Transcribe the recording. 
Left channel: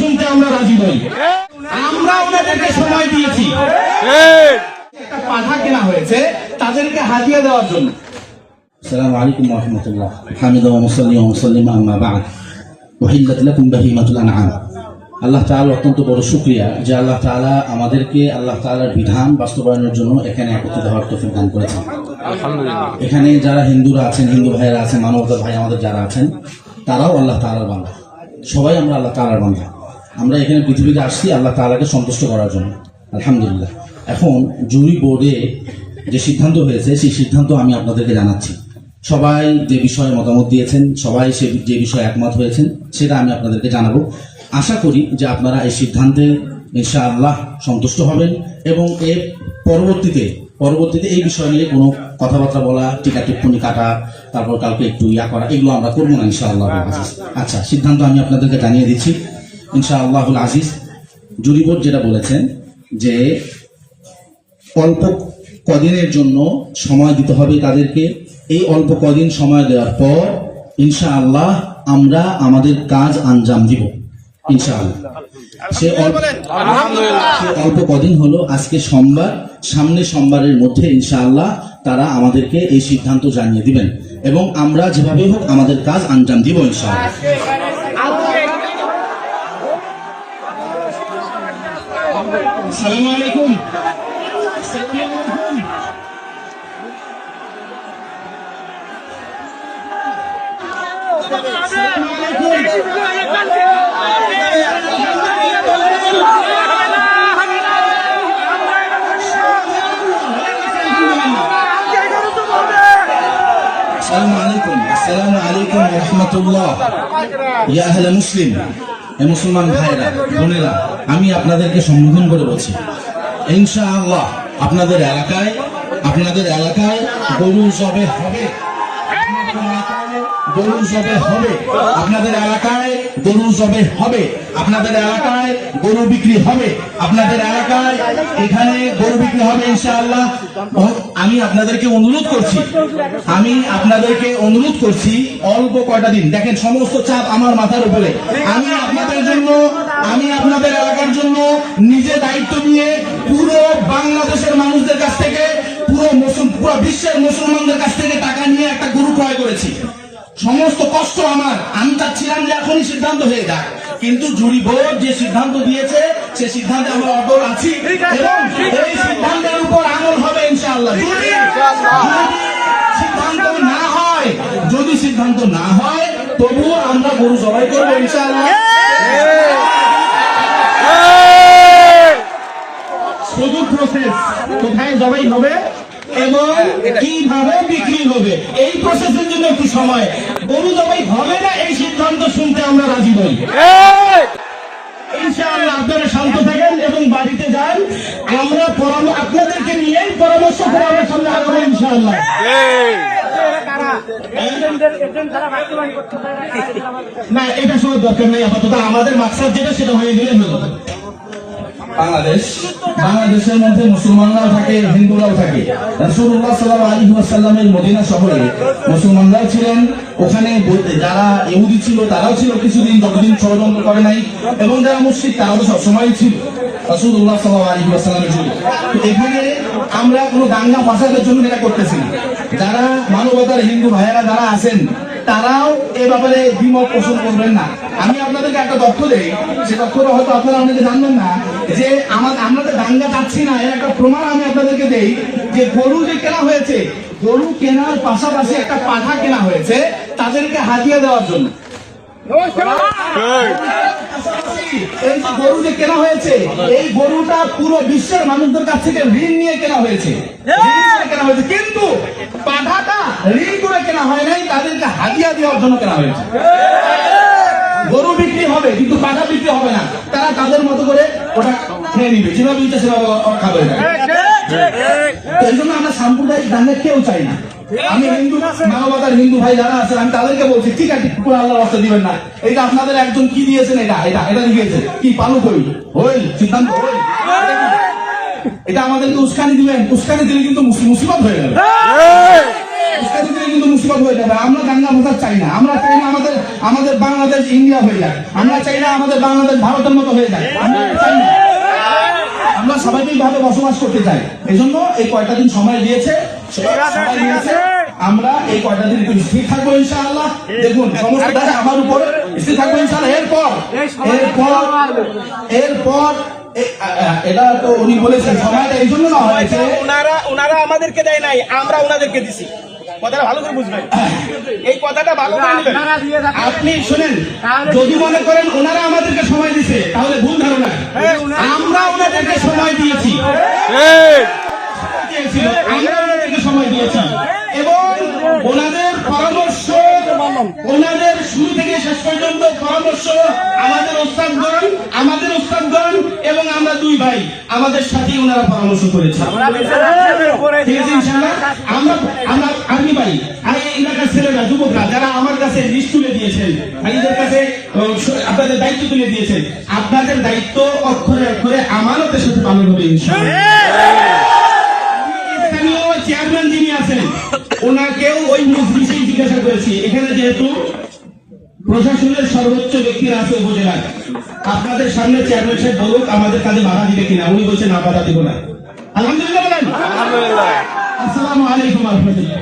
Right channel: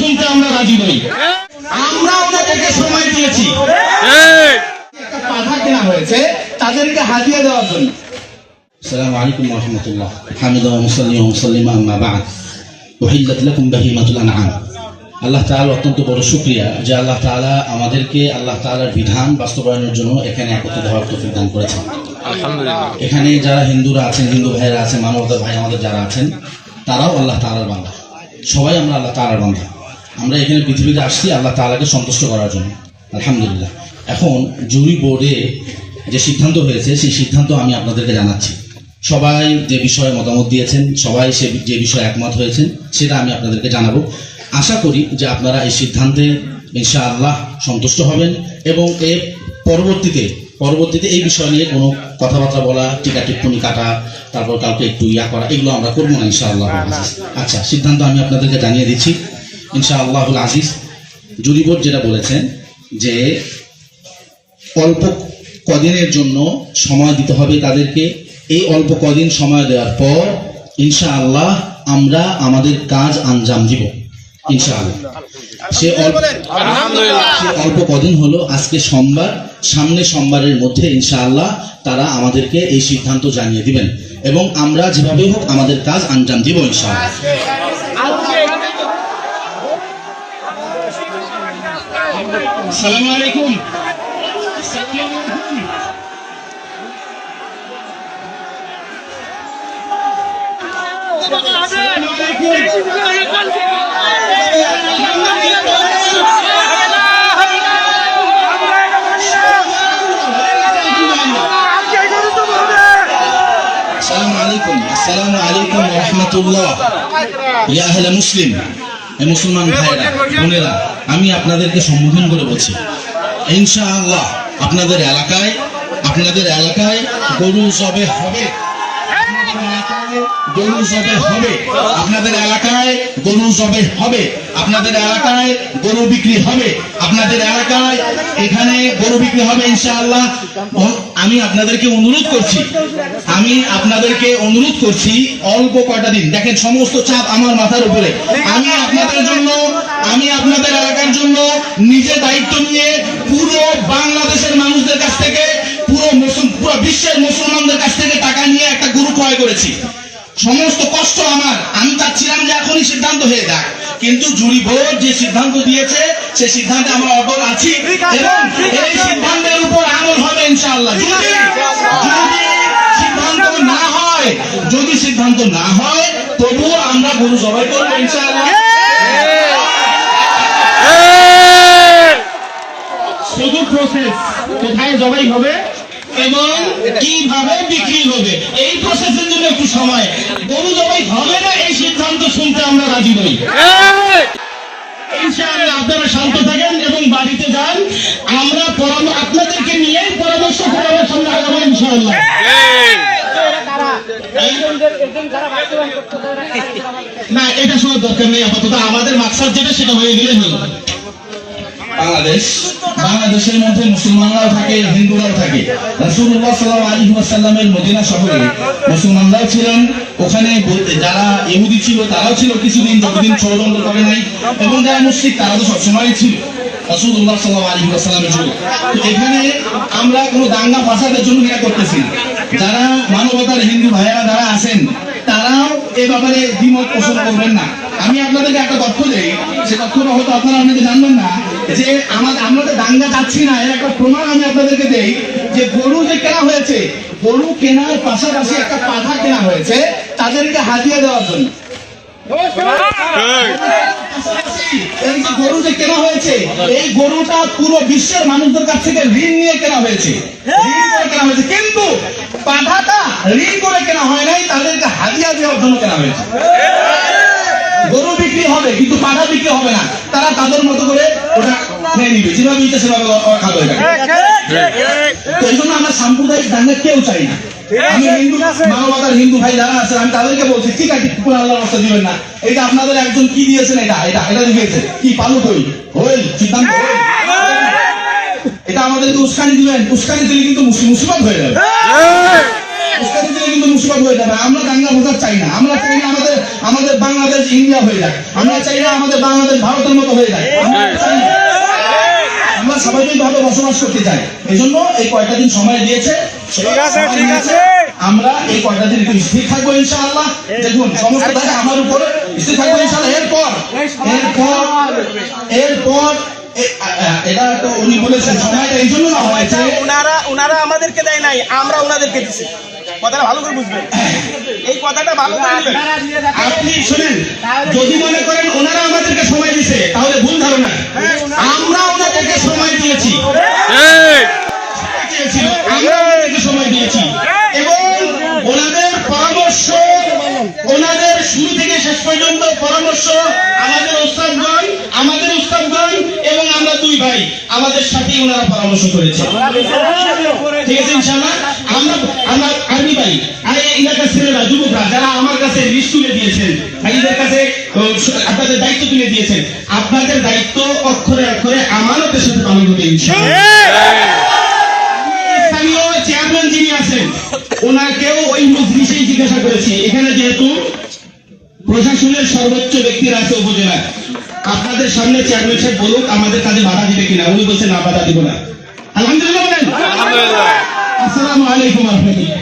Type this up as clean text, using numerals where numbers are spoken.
শুনতে আমরা রাজি নই। আমরা ওনাদেরকে সময় দিয়েছি, একটা পাঠা কেনা হয়েছে তাদেরকে হাদিয়া দেওয়ার জন্য। আসসালামু আলাইকুম ওয়া রাহমাতুল্লাহ। হামিদা ওয়া মুসাল্লি ওয়া মুসাল্লিমা আম্মা বা'দ। উহিল্লাত লাকুম বাহিমাতুল আনআম। আল্লাহ তাআলা অত্যন্ত বড় শুকরিয়া যে আল্লাহ তাআলা আমাদেরকে আল্লাহ তাআলার বিধান বাস্তবায়নের জন্য এখানে একত্রিত হওয়ার তৌফিক দান করেছেন। আলহামদুলিল্লাহ। এখানে যারা হিন্দুরা আছেন, হিন্দু ভাইরা আছেন, মানবতার ভাই আমাদের যারা আছেন, তারাও আল্লাহ তাআলার বান্দা। সবাই আমরা আল্লাহ তাআলার বান্দা। আমরা এখানে পৃথিবীতে আসছি আল্লাহ তাআলাকে সন্তুষ্ট করার জন্য। আলহামদুলিল্লাহ। এখন জুরি বোর্ডে যে সিদ্ধান্ত হয়েছে সেই সিদ্ধান্ত আমি আপনাদেরকে জানাচ্ছি। সবাই যে বিষয়ে মতামত দিয়েছেন, সবাই যে বিষয়ে একমত হয়েছেন, সেটা আমি আপনাদেরকে জানাবো। আশা করি যে আপনারা এই সিদ্ধান্তে ইনশাআল্লাহ সন্তুষ্ট হবেন এবং এর পরবর্তীতে এই বিষয় নিয়ে কোনো কথাবার্তা বলা, টিকা টিপ্পনি কাটা, তারপর কাউকে একটু করা, এগুলো আমরা করবো না ইনশাআল্লাহ। আচ্ছা, সিদ্ধান্ত আমি আপনাদেরকে জানিয়ে দিচ্ছি ইনশাআল্লাহুল আজিজ। জুরি বোর্ড যেটা বলেছেন যে অল্প কদিনের জন্য সময় দিতে হবে তাদেরকে। এই অল্প কদিন সময় দেওয়ার পর ইনশাআল্লাহ আমরা আমাদের কাজ আঞ্জাম দিব ইনশাআল্লাহ। সে অল্প কদিন হলো আজকে সোমবার, সামনে সোমবারের মধ্যে ইনশাআল্লাহ তারা আমাদেরকে এই সিদ্ধান্ত জানিয়ে দিবেন এবং আমরা যেভাবে হোক আমাদের কাজ আঞ্জাম দিব ইনশাআল্লাহ। আসসালামু আলাইকুম। আসসালামু আলাইকুম ওয়া রাহমাতুল্লাহ। ইয়া আহলে মুসলিম, মুসলমান ভাইরা বোনেরা, আমি আপনাদেরকে সম্বোধন করে বলছি ইনশাআল্লাহ আপনাদের এলাকায় গরু জবে হবে, গরু জবে হবে, আপনাদের এলাকায় গরু জবে হবে, আপনাদের এলাকায় গরু বিক্রি হবে, আপনাদের এলাকায় এখানে গরু বিক্রি হবে ইনশাআল্লাহ। আমি আপনাদেরকে অনুরোধ করছি অল্প কয়টা দিন, দেখেন সমস্ত চাপ আমার মাথার উপরে। আমি আপনাদের এলাকার জন্য নিজে দায়িত্ব নিয়ে পুরো বাংলাদেশের মানুষদের কাছ থেকে, পুরো বিশ্বের মুসলমানদের কাছ থেকে টাকা নিয়ে একটা গরু ক্রয় করেছি। সমস্ত কষ্ট আমার, আমি চাচ্ছিলাম যে এখনই সিদ্ধান্ত হয়ে যাক, কিন্তু জুরি বোর্ড যে সিদ্ধান্ত দিয়েছে সেই সিদ্ধান্তে আমরা অটল আছি এবং এই সিদ্ধান্তের উপর আমল হবে ইনশাআল্লাহ। যদি সিদ্ধান্ত না হয় তবুও আমরা গরু জবাই করবো ইনশাআল্লাহ। শুধু প্রসেস, কোথায় জবাই হবে এবং কিভাবে বিক্রি হবে, এই প্রসেসের জন্য একটু সময়। গরু জবাই হবে না এই সিদ্ধান্ত শুনতে আমরা রাজি নই ইনশাআল্লাহ। আপনারা শান্ত থাকেন এবং বাড়িতে যান। আমরা আপনাদেরকে নিয়েই পরামর্শ করে আমরা সামনে আগাবো ইনশাআল্লাহ। না, এটা সব দরকার নেই আপাতত। আমাদের মাকসাদ যেটা সেটা হয়ে গেলে বাংলাদেশের মধ্যে মুসলমানরাও থাকে, হিন্দুরাও থাকে। রাসূলুল্লাহ সাল্লাল্লাহু আলাইহি ওয়াসাল্লামের মদিনা শহরে মুসলমানরাও ছিলেন, ওখানে যারা ইহুদি ছিল তারাও ছিল কিছুদিন, যতদিন ষড়যন্ত্র করে নাই, এবং যারা মুশরিক তারা তো সবসময়ই ছিল রাসূলুল্লাহ সাল্লাল্লাহু আলাইহি ওয়াসাল্লামের যুগে। তো এখানে আমরা কোনো দাঙ্গা ফাসাদের জন্য এটা করতেছি। যারা মানবতার হিন্দু ভাইয়েরা যারা আছেন তারাও এ ব্যাপারে দ্বিমত পোষণ করবেন না। আমি আপনাদেরকে একটা তথ্য দেই, সে তথ্যটা হয়তো আপনারা জানবেন না, যে আমরা তো দাঙ্গা যাচ্ছি না, এর একটা প্রমাণ আমি আপনাদেরকে দেই। যে গরু যে কেনা হয়েছে, গরু কেনার পাশাপাশি একটা পাঠা কেনা হয়েছে তাদেরকে হাদিয়া দেওয়ার জন্য। এই যে গরু যে কেনা হয়েছে, এই গরুটা পুরো বিশ্বের মানুষদের কাছ থেকে ঋণ নিয়ে কেনা হয়েছে, কিন্তু পাঠাটা ঋণ করে কেনা হয় নাই, তাদেরকে হাদিয়া দেওয়ার জন্য কেনা হয়েছে। গরু বিক্রি হবে কিন্তু পাঠা বিক্রি হবে না, তারা তাদের মতো করে ওটা খেয়ে নিবে, যেভাবে ইচ্ছা সেভাবে খাবে। এই জন্য আমরা সাম্প্রদায়িক দাঙ্গা কেউ চাই না। আমি মানবতার হিন্দু ভাই যারা আছেন আমি তাদেরকে বলছি, ঠিক আছে আল্লাহর রাস্তা দিবেন না, এটা আপনাদের একজন কি দিয়েছেন, এটা দিয়েছে কি পালু কই হইল সিদ্ধান্ত, এটা আমাদেরকে উস্কানি দিবেন। উস্কানি দিলে কিন্তু মুসিবত হয়ে যাবে, উস্কানি দিলে কিন্তু মুসিবত হয়ে যাবে। আমরা দাঙ্গা ফাসাদ চাই না। আমরা চাই না আমাদের বাংলাদেশ ইন্ডিয়া হয়ে যায়। আমরা চাই না আমাদের বাংলাদেশ ভারতের মতো হয়ে যায়। আমরা চাই না। আমরা স্বাভাবিকভাবে বসবাস করতে চাই। এই জন্য এই কয়টা দিন সময় দিয়েছে, আমরা এই কয়টা দিন একটু স্থির থাকবো ইনশাআল্লাহ। দেখুন সমস্ত দায় আমার উপরে, স্থির থাকবো ইনশাআল্লাহ। এরপর এটা তো উনি বলেছেন সময়টা এই জন্য না হয়েছে, ওনারা আমাদেরকে দেয় নাই, আমরা ওনাদেরকে দিচ্ছি। কথাটা ভালো করে বুঝবেন, এই কথাটা ভালো করে নেবেন। আপনি শুনেন, যদি মনে করেন ওনারা আমাদেরকে সময় দিছে তাহলে ভুল ধারণা। আমরা ওনাদেরকে সময় দিয়েছি, আমরা ওনাদেরকে সময় দিয়েছি এবং ওনাদের পরামর্শ, ওনাদের শুরু থেকে শেষ পর্যন্ত পরামর্শ আমাদের উস্তাদগণ এবং আমরা দুই ভাই আমাদের সাথেই ওনারা পরামর্শ করেছে। ঠিক আছে ইনশাআল্লাহ। আমরা আর্মি ভাই আর এই এলাকার ছেলেরা, যুবকরা যারা আমার কাছে লিস্ট তুলে দিয়েছেন, ভাইদের কাছে আপনাদের দায়িত্ব তুলে দিয়েছেন, আপনাদের দায়িত্ব অক্ষরে অক্ষরে আমানতের সাথে পালন হবে ইনশাআল্লাহ। স্থানীয় চেয়ারম্যান যিনি আছেন ওনাকেও ওই বিষয়ে জিজ্ঞাসা করেছি। এখানে যেহেতু প্রশাসনের সর্বোচ্চ ব্যক্তিরা আছে উপজেলায়, আপনাদের সামনে চেয়ারম্যান সাহেব বলুক আমাদের কাজে বাধা দিবে কিনা। উনি বলছেন না, বাধা দিব না। আলহামদুলিল্লাহ বলেন। আলহামদুলিল্লাহ। আসসালামু আলাইকুম ওয়া রাহমাতুল্লাহ।